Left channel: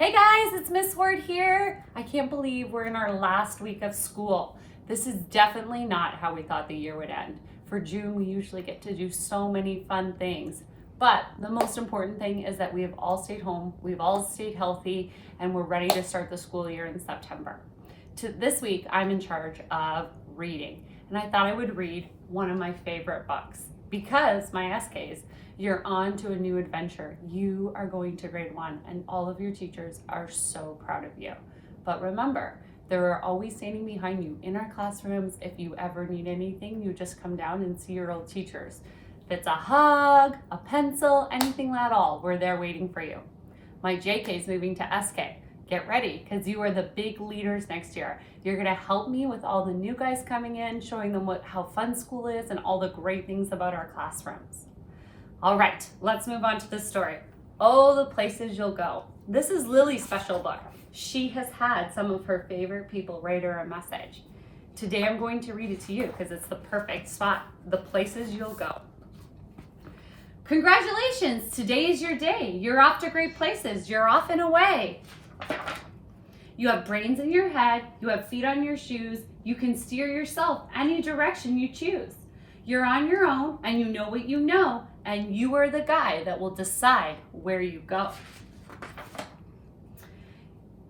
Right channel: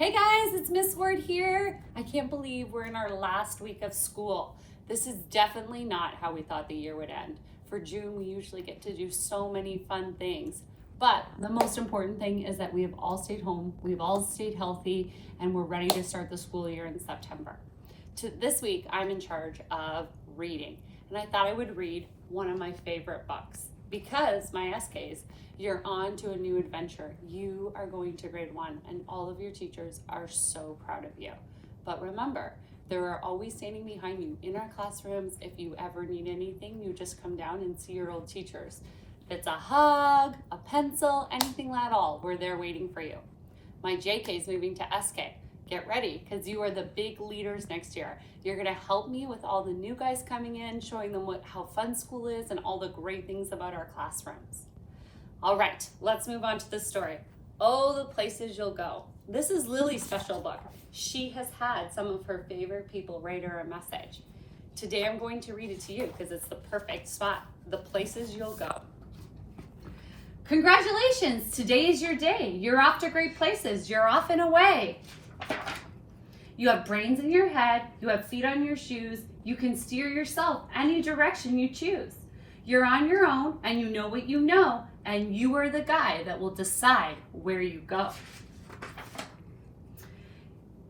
Hey guys, it's Ms.Hoard here. I can't believe we're in our last week of school. This is definitely not how we thought the year would end. For June, we usually get to do so many fun things. But the most important thing is that we have all stayed home, we've all stayed healthy, and we're ready to start the school year in September. This week, I'm in charge of reading, and I thought I would read one of my favorite books because my SKs, you're on to a new adventure. You are going to grade 1 and all of your teachers are so proud of you. But remember, there are always standing behind you in our classrooms. If you ever need anything, you just come down and see your old teachers. If it's a hug, a pencil, anything at all, we're there waiting for you. My JK is moving to SK. Get ready, because you are the big leaders next year. You're gonna help me with all the new guys coming in, showing them how fun school is and all the great things about our classrooms. All right, let's move on to the story. Oh, the places you'll go. This is Lily's special book. She has had some of her favorite people write her a message. Today I'm going to read it to you because it's the perfect spot. The places you'll go. Congratulations, today is your day. You're off to great places. You're off and away. You have brains in your head. You have feet on your shoes. You can steer yourself any direction you choose. You're on your own and you know what you know, and you are the guy that will decide where you go.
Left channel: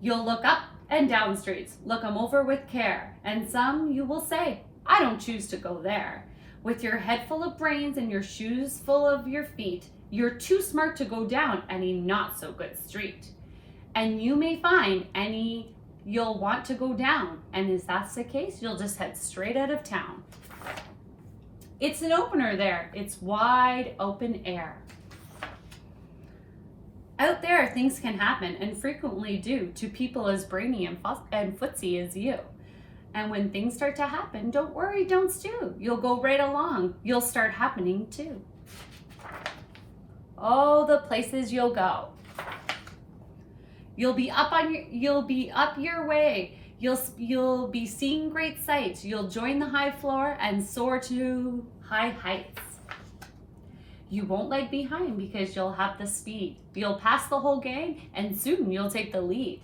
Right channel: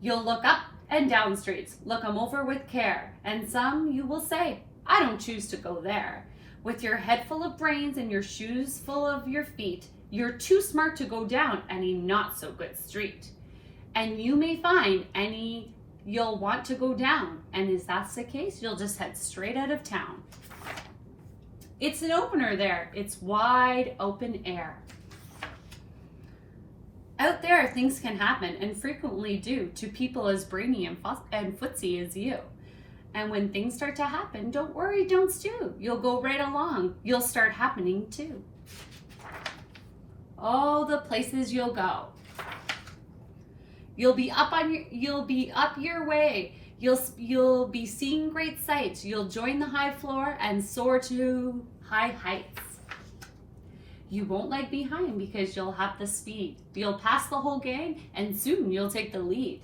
You'll look up and down streets, look them over with care, and some you will say, I don't choose to go there. With your head full of brains and your shoes full of your feet, you're too smart to go down any not so good street. And you may find any you'll want to go down, and if that's the case, you'll just head straight out of town. It's an opener there. It's wide open air. Out there, things can happen and frequently do to people as brainy and footsy as you. And when things start to happen, don't worry, don't stew. You'll go right along. You'll start happening too. Oh, the places you'll go. You'll be up your way. You'll be seeing great sights. You'll join the high floor and soar to high heights. You won't lag behind because you'll have the speed. You'll pass the whole gang and soon you'll take the lead.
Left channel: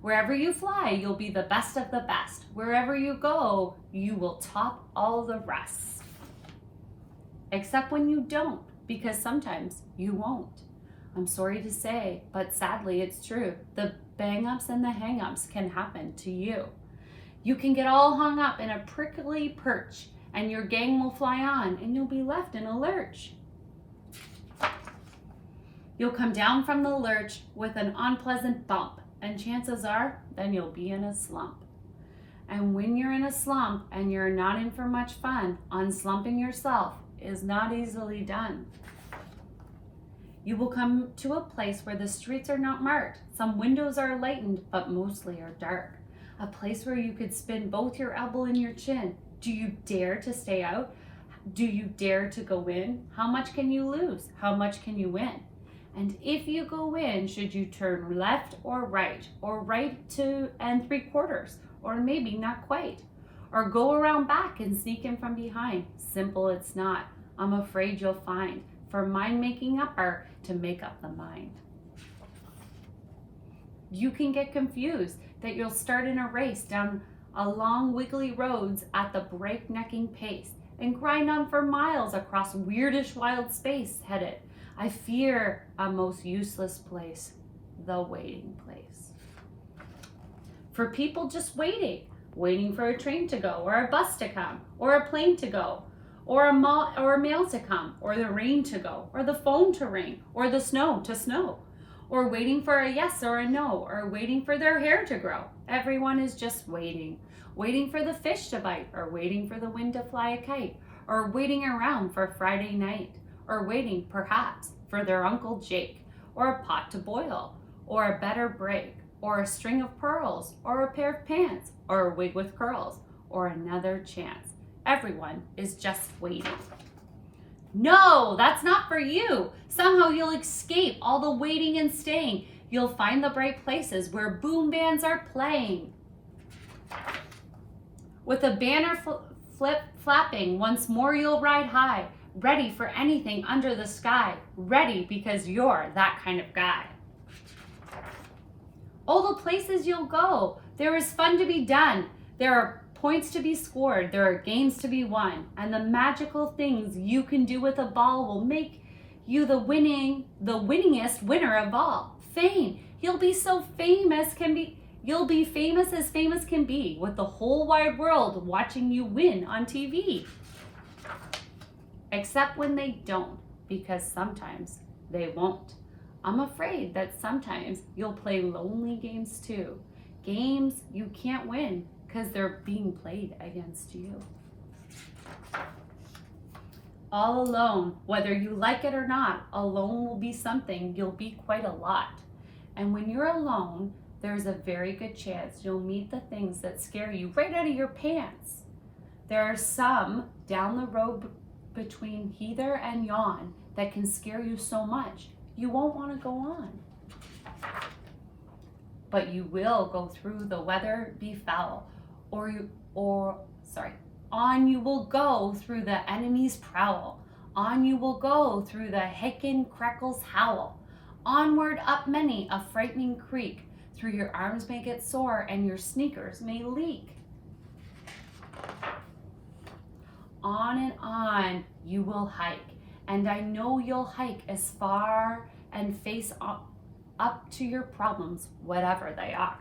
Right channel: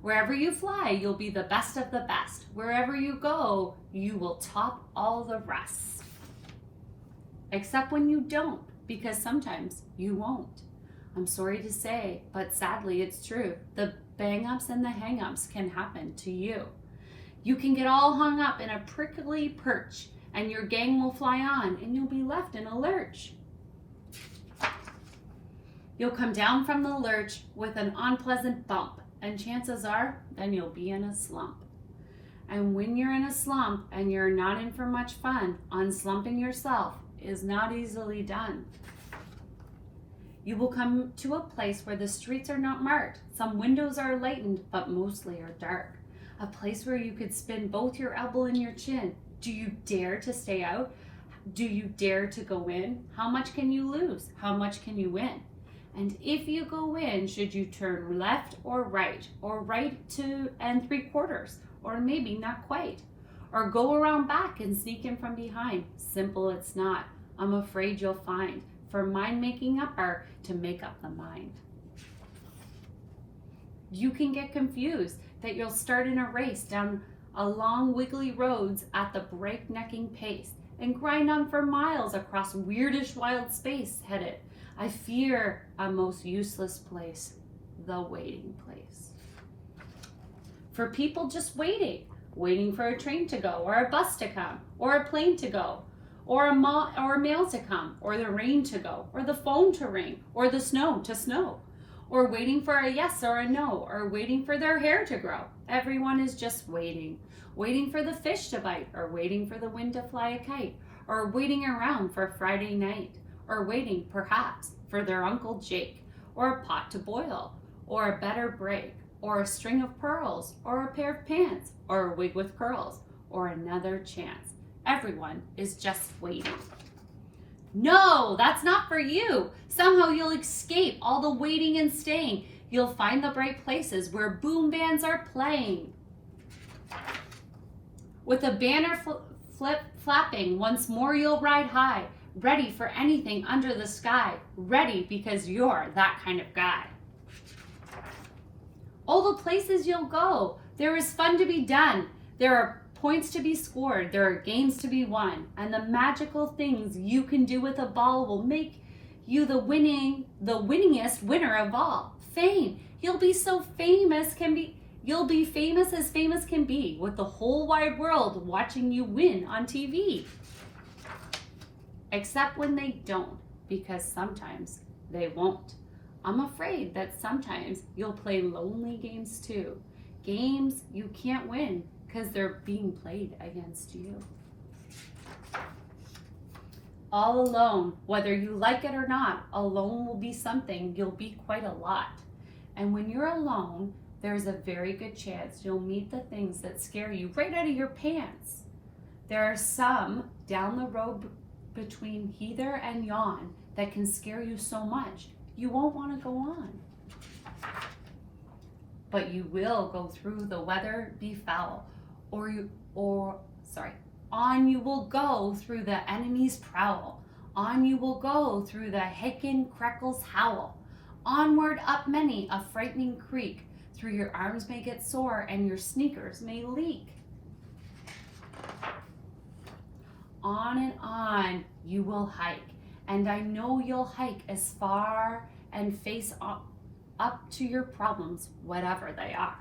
Wherever you fly, you'll be the best of the best. Wherever you go, you will top all the rest. Except when you don't, because sometimes you won't. I'm sorry to say, but sadly it's true. The bang-ups and the hang-ups can happen to you. You can get all hung up in a prickly perch and your gang will fly on and you'll be left in a lurch. You'll come down from the lurch with an unpleasant bump and chances are then you'll be in a slump. And when you're in a slump and you're not in for much fun, unslumping yourself is not easily done. You will come to a place where the streets are not marked. Some windows are lightened, but mostly are dark. A place where you could spin both your elbow and your chin. Do you dare to stay out? Do you dare to go in? How much can you lose? How much can you win? And if you go in, should you turn left or right 2 3/4, or maybe not quite? Or go around back and sneak in from behind? Simple it's not. I'm afraid you'll find. For mind making up are to make up the mind. You can get confused that you'll start in a race down along wiggly roads at the breaknecking pace and grind on for miles across weirdish wild space headed, I fear, a most useless place, the waiting place. For people just waiting for a train to go, or a bus to come, or a plane to go, or a mail to come, or the rain to go, or the phone to ring, or the snow to snow, or waiting for a yes or a no, or waiting for their hair to grow. Everyone is just waiting for the fish to bite, or waiting for the wind to fly a kite, or waiting around for Friday night, or waiting perhaps for their Uncle Jake, or a pot to boil, or a better break, or a string of pearls, or a pair of pants, or a wig with curls, or another chance. Everyone is just waiting. No, that's not for you. Somehow you'll escape all the waiting and staying. You'll find the bright places where boom bands are playing. With a banner flapping, once more you'll ride high, ready for anything under the sky, ready because you're that kind of guy. Oh, the places you'll go. There is fun to be done. There are points to be scored. There are games to be won. And the magical things you can do with a ball will make you the winningest winner of all. Fame. You'll be so famous you'll be famous as famous can be, with the whole wide world watching you win on TV. Except when they don't, because sometimes they won't. I'm afraid that sometimes you'll play lonely games too. Games you can't win because they're being played against you. All alone, whether you like it or not, alone will be something you'll be quite a lot. And when you're alone, there's a very good chance you'll meet the things that scare you right out of your pants. There are some down the road between hither and yon that can scare you so much you won't want to go on. But you will go through the weather befell, on you will go through the enemy's prowl. On you will go through the Hicken Crackles howl. Onward up many a frightening creek, through your arms may get sore and your sneakers may leak. On you will hike, and I know you'll hike as far and face up to your problems, whatever they are.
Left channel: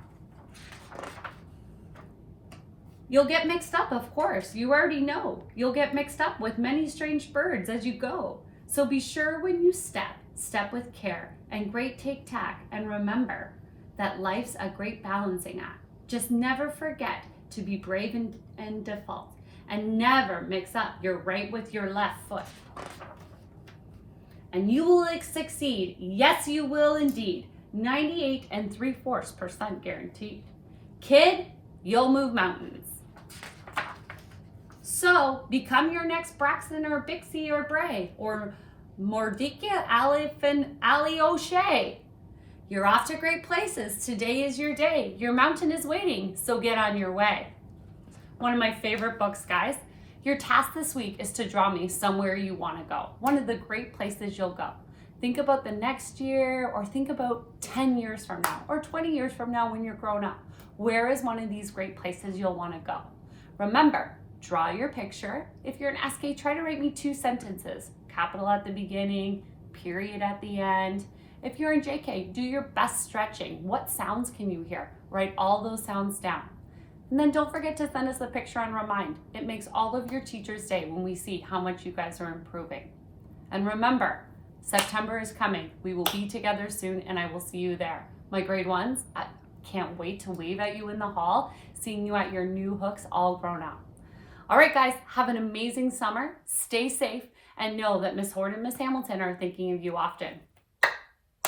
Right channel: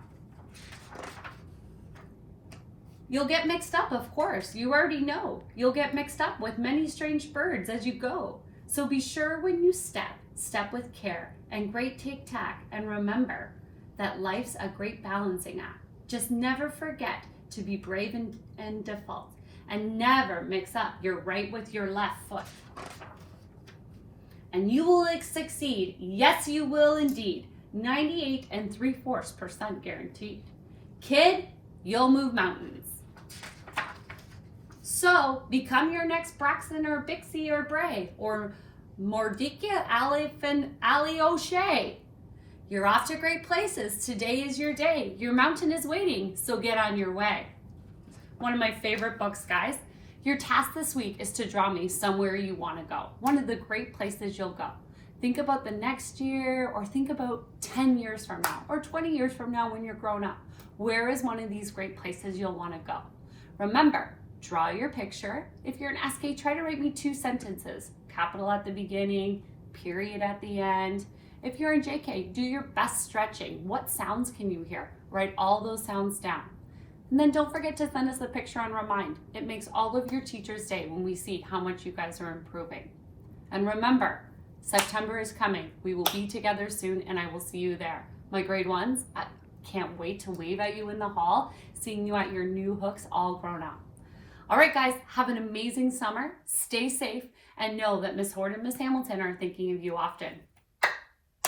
You'll get mixed up, of course, you already know. You'll get mixed up with many strange birds as you go. So be sure when you step with care and great take-tack, and remember that life's a great balancing act. Just never forget to be brave and default, and never mix up your right with your left foot. And you will succeed. Yes, you will indeed. 98 3/4% guaranteed. Kid, you'll move mountains. So become your next Braxton or Bixie or Bray or Mordecai Ali O'Shea. You're off to great places. Today is your day. Your mountain is waiting, so get on your way. One of my favorite books, guys. Your task this week is to draw me somewhere you want to go. One of the great places you'll go. Think about the next year, or think about 10 years from now or 20 years from now when you're grown up. Where is one of these great places you'll want to go? Remember, draw your picture. If you're an SK, try to write me 2 sentences. Capital at the beginning, period at the end. If you're in JK, do your best stretching. What sounds can you hear? Write all those sounds down. And then don't forget to send us a picture and remind. It makes all of your teachers' day when we see how much you guys are improving. And remember, September is coming. We will be together soon, and I will see you there. My grade ones, I can't wait to wave at you in the hall, seeing you at your new hooks all grown up. All right, guys, have an amazing summer. Stay safe, and know that Ms. Hoard and Ms. Hamilton are thinking of you often.